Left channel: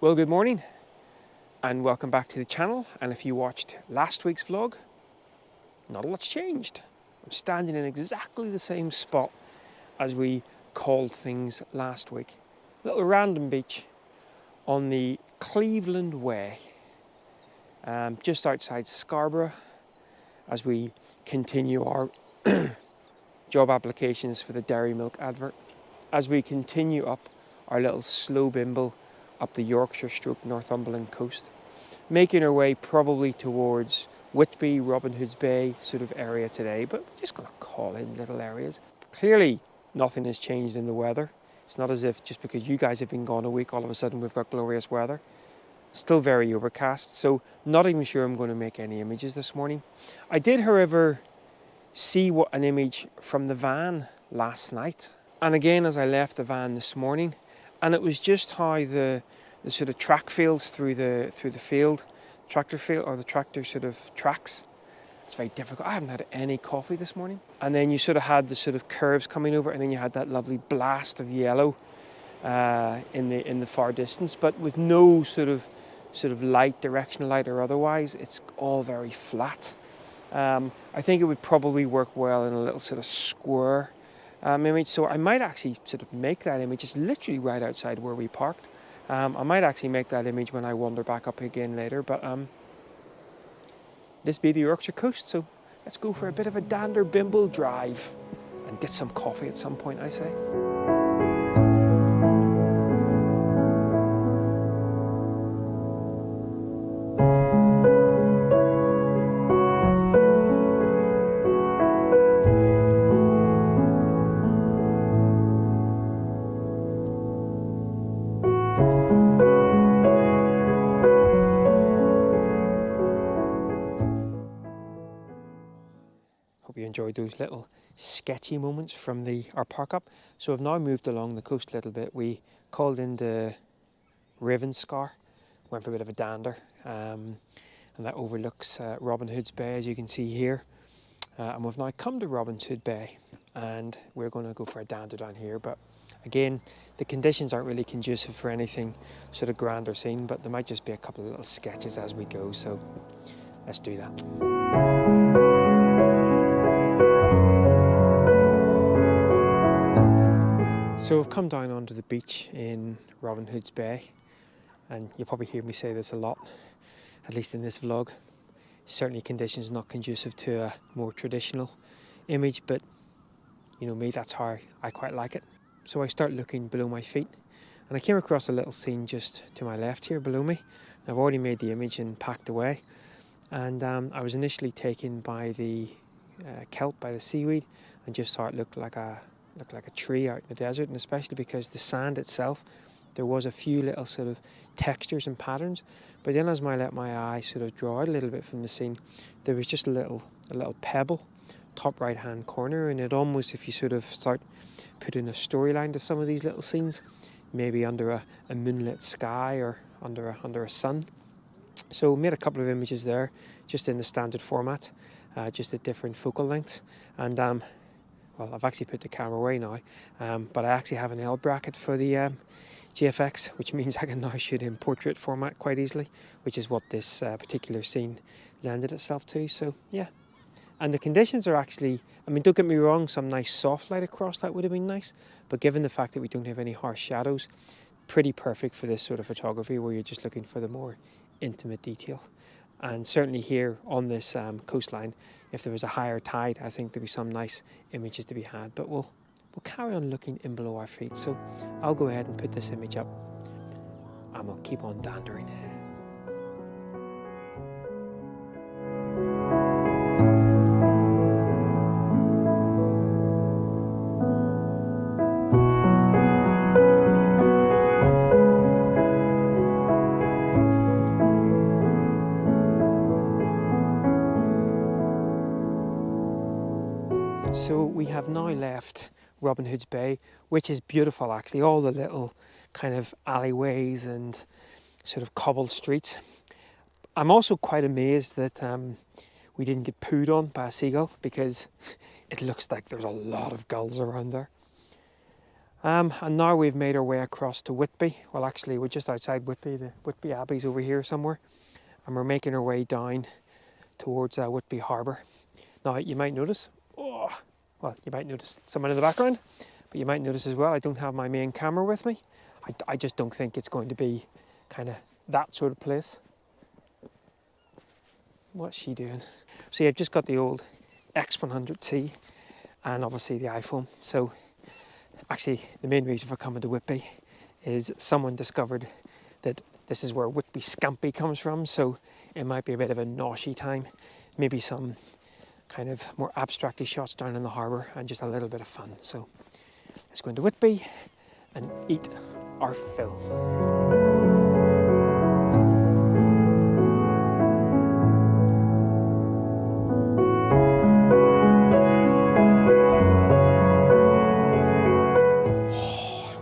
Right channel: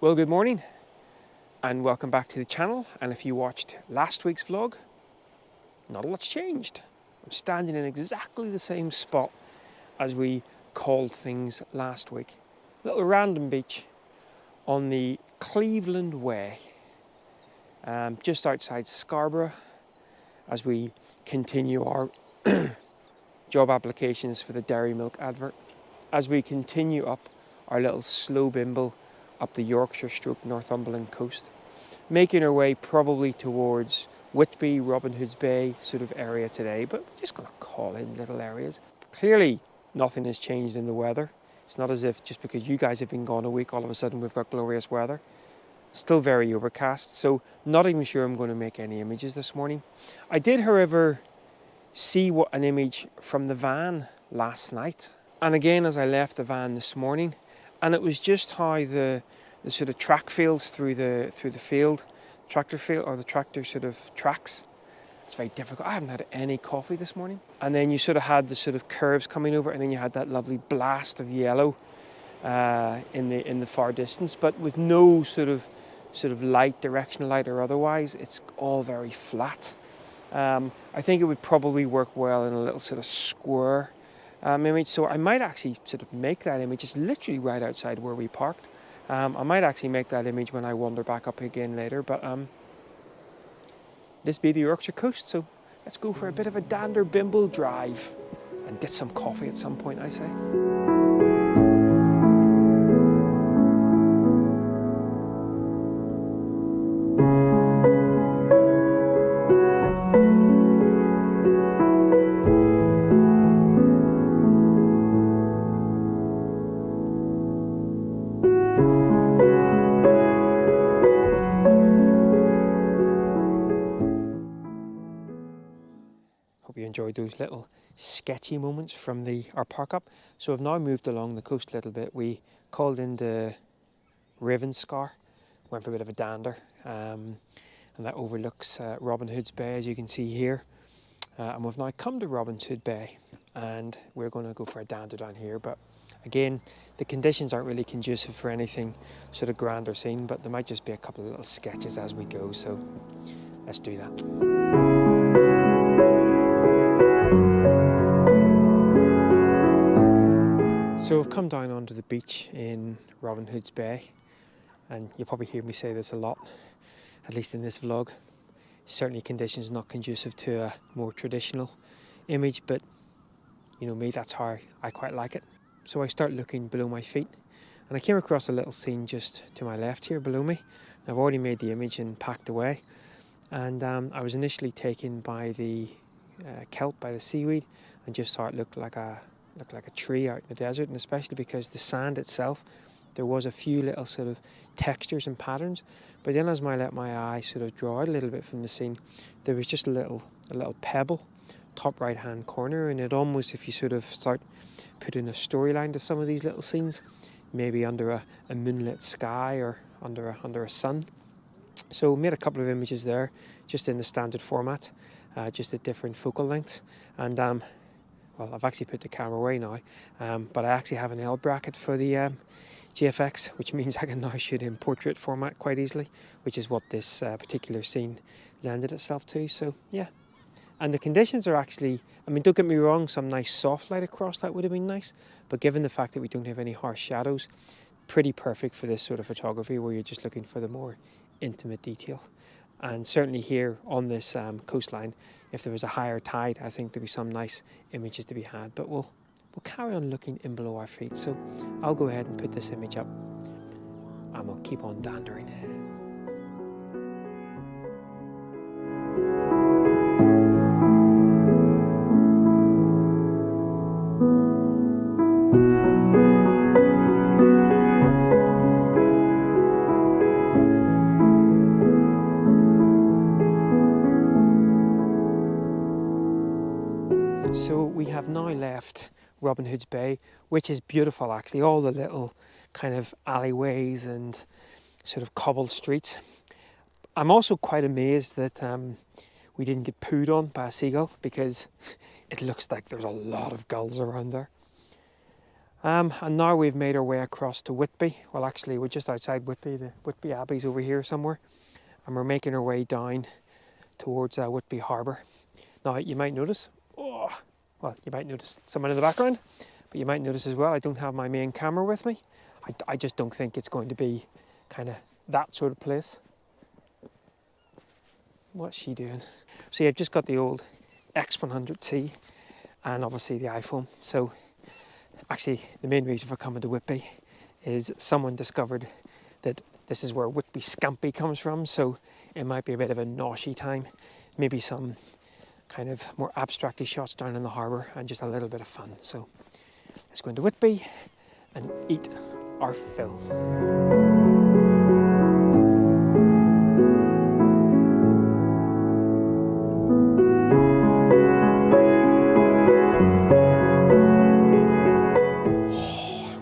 Well, good morning and welcome back to the channel. And if you watched last week's vlog, not a lot's changed. I'm standing in exactly the same spot as we called things last week. A little random beach on the Cleveland Way, just outside Scarborough, as we continue our job applications for the dairy milk advert. As we continue up our little slow bimble up the Yorkshire / Northumberland coast, making our way probably towards Whitby, Robin Hood's Bay sort of area today, but we're just going to call in little areas. Clearly nothing has changed in the weather. It's not as if just because you guys have been gone a week, all of a sudden we've got glorious weather. Still very overcast, so not even sure I'm going to make any images this morning. I did, however, see an image from the van last night, and again as I left the van this morning, and it was just how the sort of track fields through the field, tractor field, or the tractor sort of tracks. It's very difficult. I haven't had any coffee this morning. And then you sort of had the sort of curves coming over, and then you had that lovely blast of yellow in the far distance, but with no sort of light, directional light or otherwise. It's all very flat. I think it would probably work well in a little sort of square image, so I might actually sort of make that image. It's literally right outside where we parked. I might actually make that image when I wander back up again later, but this be the Yorkshire Coast, so let's go for a bit of a dander bimble drive and get some coffee at some point, I say. Hope you enjoyed those little sketchy moments from our park up. So I've now moved along the coast a little bit. We called into Ravenscar, went for a bit of a dander, and that overlooks Robin Hood's Bay, as you can see here. And we've now come to Robin Hood Bay, and we're going to go for a dander down here. But again, the conditions aren't really conducive for anything sort of grand or scene, but there might just be a couple of little sketches as we go. So let's do that. So I've come down onto the beach in Robin Hood's Bay, and you'll probably hear me say this a lot, at least in this vlog. Certainly conditions not conducive to a more traditional image, but you know me, that's how I quite like it. So I start looking below my feet, and I came across a little scene just to my left here below me. I've already made the image and packed away, and I was initially taken by the kelp, by the seaweed, and just thought it looked like a tree out in the desert, and especially because the sand itself, there was a few little sort of textures and patterns. But then as I let my eye sort of draw out a little bit from the scene, there was just a little pebble, top right hand corner, and it almost, if you sort of start putting a storyline to some of these little scenes, maybe under a moonlit sky or under a sun. So made a couple of images there, just in the standard format, just at different focal lengths, and well, I've actually put the camera away now, but I actually have an L bracket for the GFX, which means I can now shoot in portrait format quite easily, which is what this particular scene lended itself to. So yeah, and the conditions are actually, I mean, don't get me wrong, some nice soft light across that would have been nice, but given the fact that we don't have any harsh shadows, pretty perfect for this sort of photography where you're just looking for the more intimate detail. And certainly here on this coastline, if there was a higher tide, I think there'd be some nice images to be had. But we'll carry on looking in below our feet. So I'll go ahead and put this image up, and we'll keep on dandering. So we have now left Robin Hood's Bay, which is beautiful actually, all the little kind of alleyways and sort of cobbled streets. I'm also quite amazed that we didn't get pooed on by a seagull, because it looks like there's a lot of gulls around there. And now we've made our way across to Whitby. Well, actually, we're just outside Whitby. The Whitby Abbey's over here somewhere. And we're making our way down towards Whitby Harbour. Now, you might notice, you might notice someone in the background, but you might notice as well, I don't have my main camera with me. I just don't think it's going to be kind of that sort of place. What's she doing? So yeah, I've just got the old X100C and obviously the iPhone. So actually, the main reason for coming to Whitby is someone discovered that this is where Whitby Scampi comes from, so it might be a bit of a noshy time. Maybe some kind of more abstracty shots down in the harbour and just a little bit of fun. So let's go into Whitby and eat our fill.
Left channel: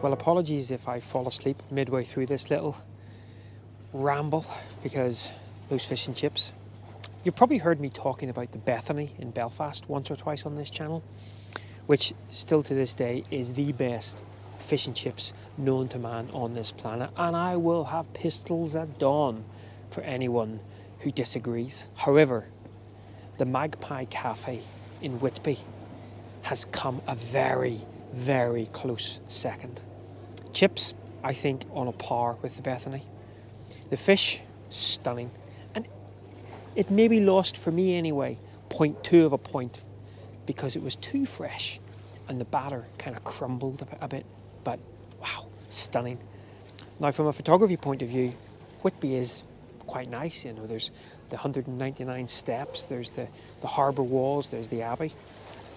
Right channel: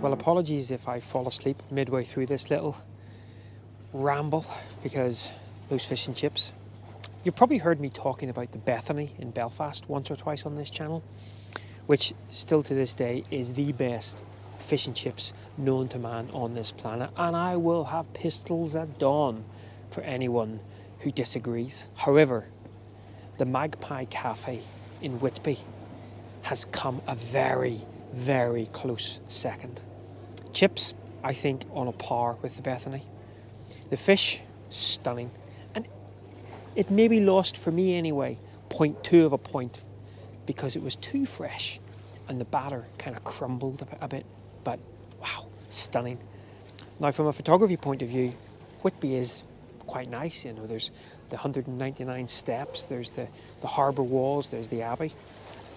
Well, apologies if I fall asleep midway through this little ramble, because those fish and chips. You've probably heard me talking about the Bethany in Belfast once or twice on this channel, which still to this day is the best fish and chips known to man on this planet, and I will have pistols at dawn for anyone who disagrees. However, the Magpie Cafe in Whitby has come a very, very close second. Chips, I think, on a par with the Bethany. The fish, stunning. And it maybe lost, for me anyway, 0.2 of a point because it was too fresh and the batter kind of crumbled a bit. But wow, stunning. Now, from a photography point of view, Whitby is quite nice. You know, there's the 199 steps, there's the harbour walls, there's the Abbey.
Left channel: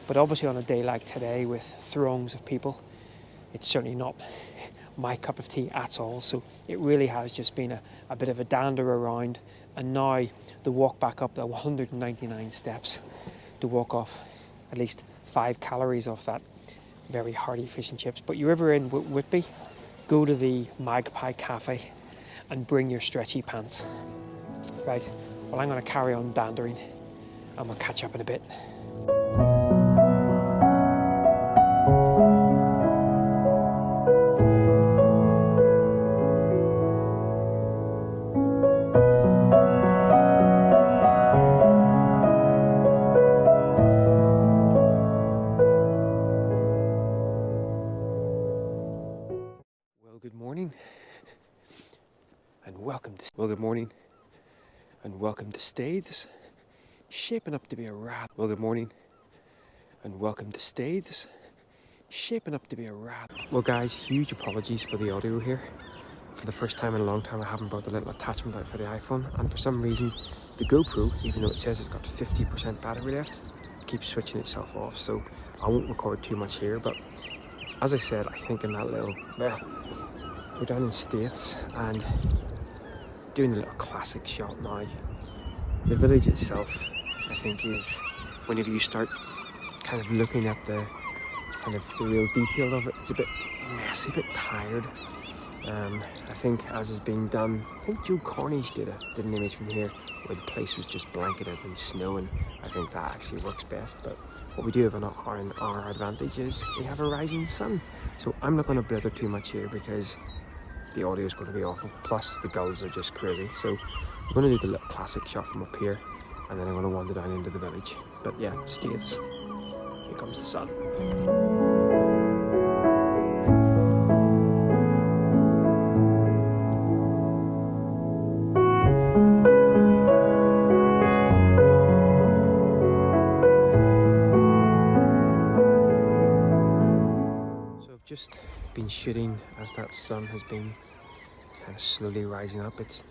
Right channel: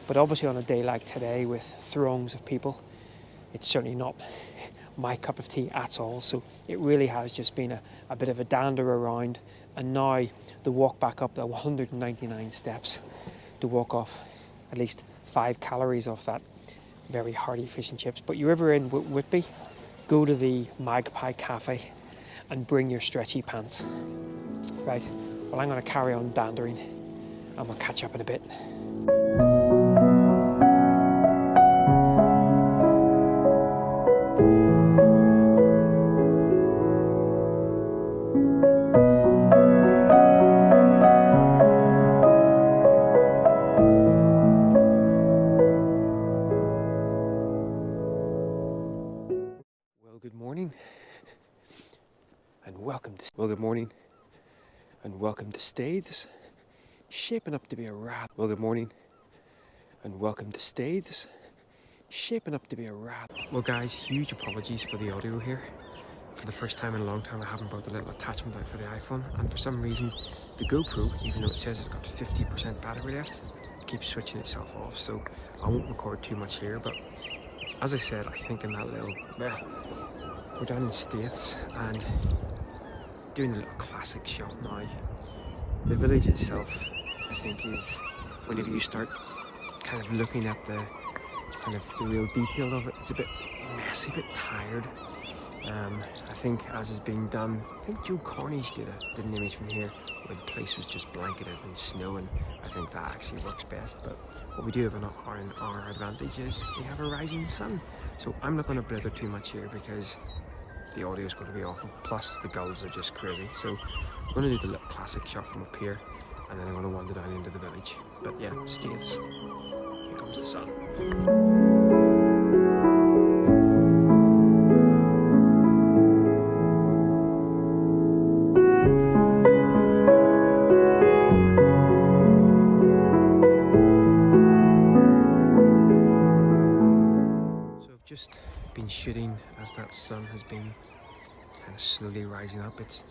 But obviously on a day like today with throngs of people, it's certainly not my cup of tea at all. So it really has just been a bit of a dander around, and now the walk back up the 199 steps to walk off at least 5 calories off that very hearty fish and chips. But you're ever in Whitby, go to the Magpie Cafe and bring your stretchy pants. Right, well, I'm going to carry on dandering and we'll catch up in a bit. Good morning and welcome to Staithes. Shaping up to be a wrap. Well, good morning and welcome to Staithes. Shaping up to be a wrap. Well, guys, huge apologies for the audio here. For the first time in a long time, I haven't brought the little attachment out for the iPhone, and for some reason, the GoPro, even though it says it's got 50% battery left, keeps switching itself off. So I won't record too much here, but as I said, I think in that little we're down in Staithes and doing a little classic shot now. The village itself, I think, is whenever you start kind of looking at the real detail of it, it's a bit messy, a bit tired. I think as is being done, I think Joe Cornish did an image from here where the place was just blanketed in snow, and I think that actually works best. But what we do have our advantage is we have a rising sun. So I'm not going to blither too much here because the audio is going to be awful, plus the gulls are just crazy. So I'm going to do the little classic shot from up here, and then I'm going to wander down into the village. But yeah, Staithes, here comes the sun. So I've just been shooting as that sun has been kind of slowly rising up. It's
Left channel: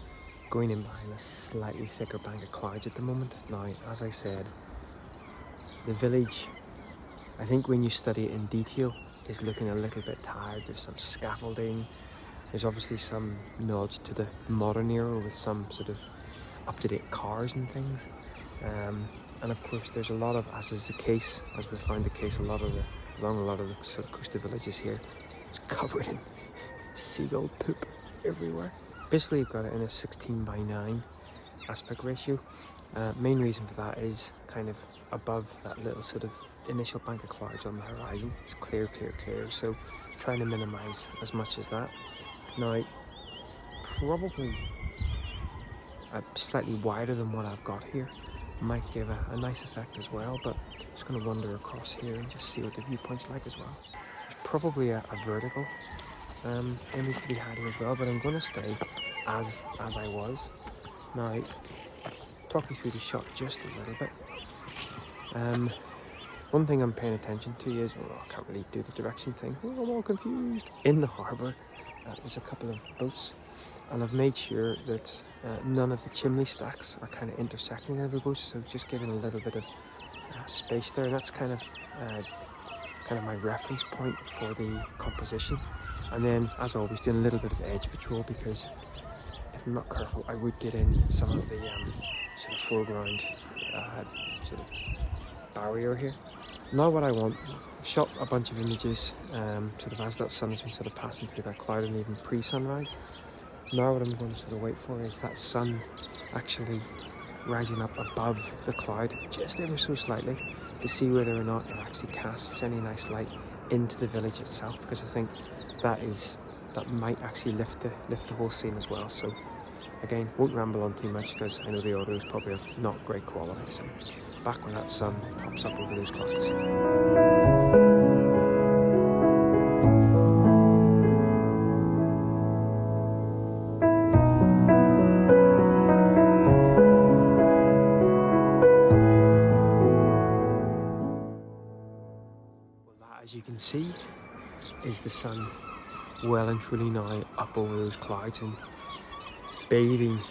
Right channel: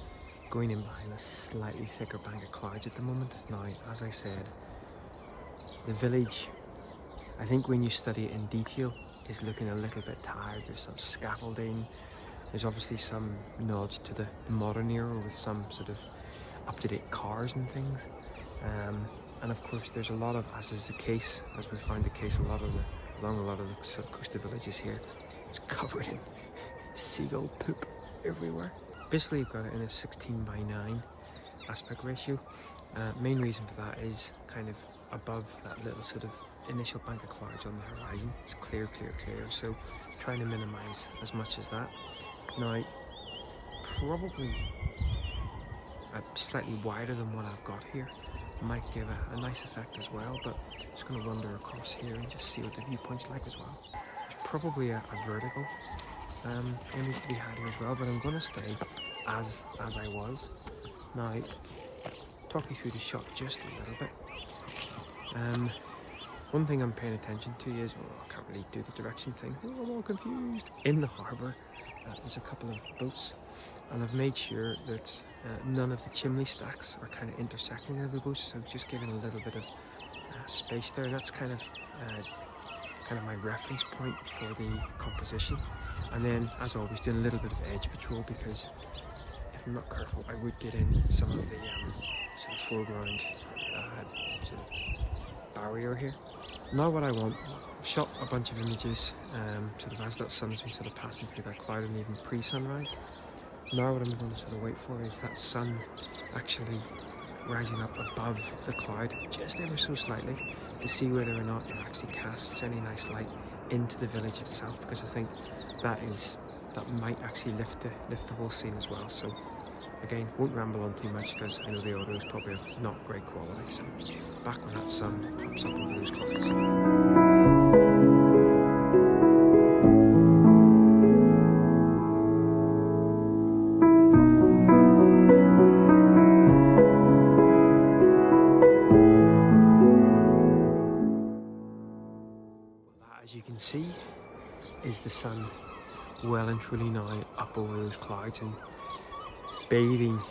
going in behind a slightly thicker bank of clouds at the moment. Now, as I said, the village, I think when you study it in detail, is looking a little bit tired. There's some scaffolding, there's obviously some nods to the modern era with some sort of up-to-date cars and things, and of course there's a lot of, as is the case, as we found the case along a lot of the sort of coastal villages here, it's covered in seagull poop everywhere. Basically, you've got it in a 16:9 aspect ratio. Main reason for that is kind of above that little sort of initial bank of clouds on the horizon. It's clear, so trying to minimize as much as that. Now, probably slightly wider than what I've got here might give a nice effect as well, but just going to wander across here and just see what the viewpoint's like as well. There's probably a vertical image to be had here as well, but I'm going to stay as I was. Now, talk you through the shot just a little bit. One thing I'm paying attention to is, I can't really do the direction thing. I'm all confused. In the harbour, there's a couple of boats, and I've made sure that none of the chimney stacks are kind of intersecting any of the boats, so just giving a little bit of space there. And that's kind of my reference point for the composition. And then, as always, doing a little bit of edge patrol, because if I'm not careful, I would get in some of the sort of foreground sort of barrier here. Now what I want, I've shot a bunch of images sort of as that sun has been sort of passing through that cloud, and even pre-sunrise. Now what I'm going to sort of wait for is that sun actually rising up above the cloud just ever so slightly, to see whether or not it actually casts any nice light into the village itself, because I think that might actually lift the whole scene as well. So again, won't ramble on too much because I know the audio is probably of not great quality. So back when that sun pops up over those clouds. Well, that, as you can see, is the sun well and truly now up over those clouds and bathing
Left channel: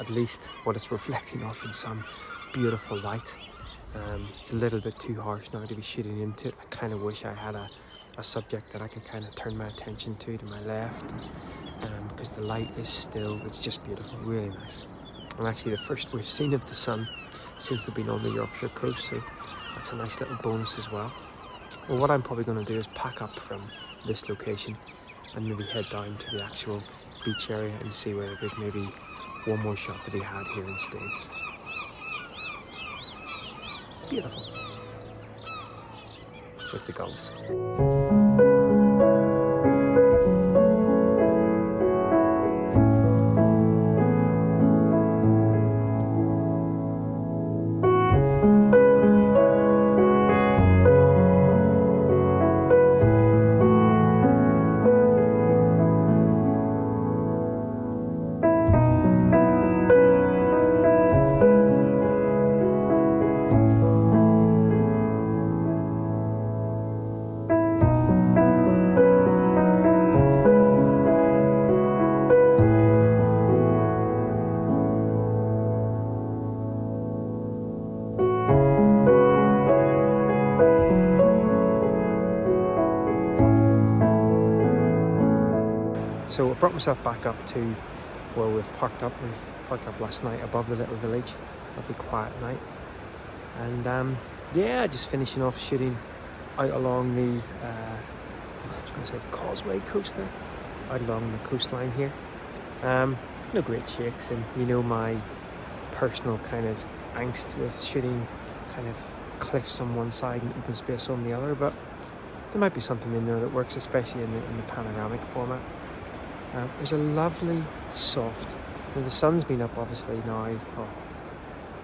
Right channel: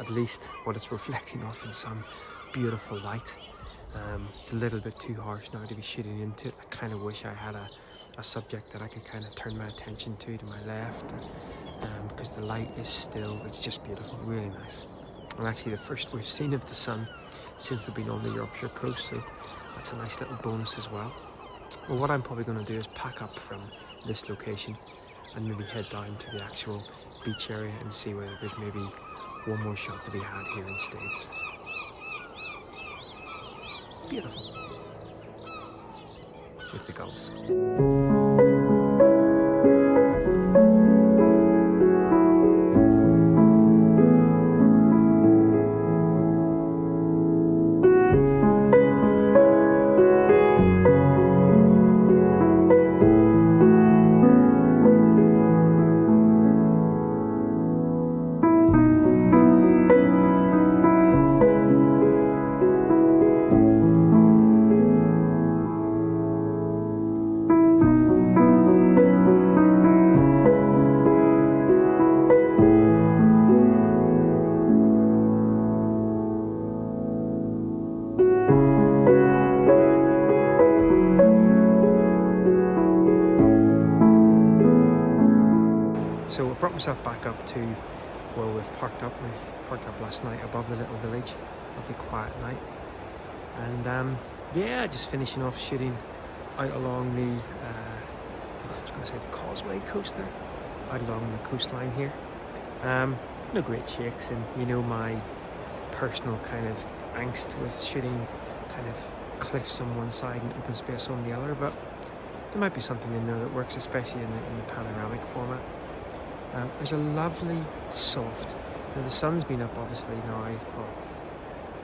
at least what it's reflecting off in some beautiful light. It's a little bit too harsh now to be shooting into it. I kind of wish I had a subject that I could kind of turn my attention to my left, because the light is still, it's just beautiful, really nice. And actually the first we've seen of the sun since we've been on the Yorkshire coast, so that's a nice little bonus as well. Well, what I'm probably going to do is pack up from this location and maybe head down to the actual beach area and see whether there's maybe one more shot to be had here in States. Beautiful. With the gulls. So I brought myself back up to where we've parked up. We parked up last night above the little village. Lovely quiet night. And yeah, just finishing off shooting out along the, I was going to say the Causeway coast there, out along the coastline here. No great shakes, and you know my personal kind of angst with shooting kind of cliffs on one side and open space on the other, but there might be something in there that works, especially in the panoramic format. There's a lovely soft, now the sun's been up obviously now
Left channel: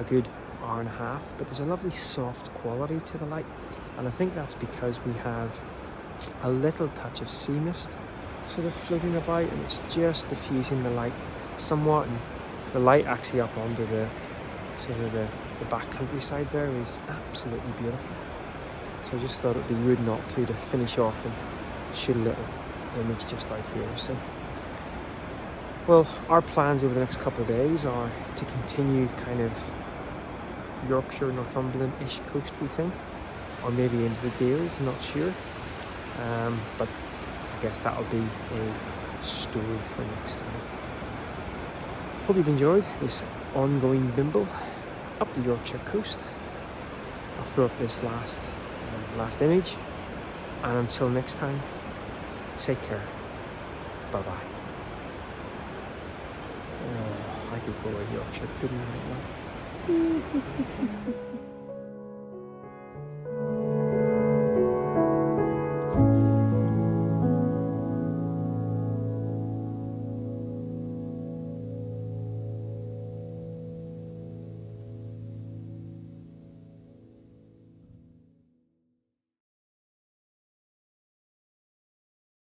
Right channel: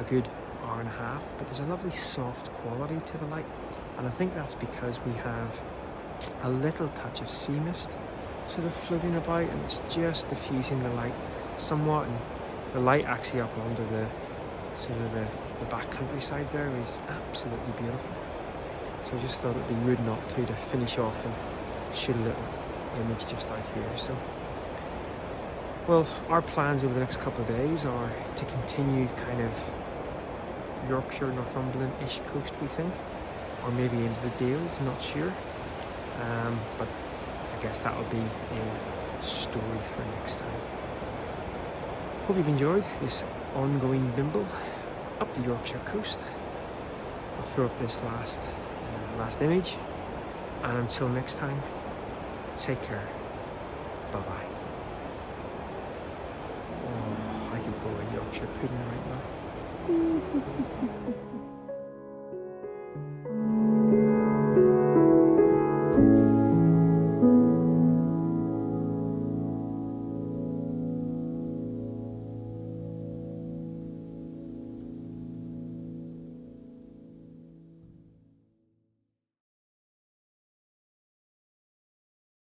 a good hour and a half, but there's a lovely soft quality to the light, and I think that's because we have a little touch of sea mist sort of floating about, and it's just diffusing the light somewhat, and the light actually up onto the sort of the back countryside there is absolutely beautiful. So I just thought it'd be rude not to finish off and shoot a little image just out here. So, well, our plans over the next couple of days are to continue kind of Yorkshire, Northumberland-ish coast, we think, or maybe into the Dales, not sure. But I guess that'll be a story for next time. Hope you've enjoyed this ongoing bimble up the Yorkshire coast. I'll throw up this last image, and until next time, take care. Bye bye. Oh, I could go a Yorkshire pudding right now.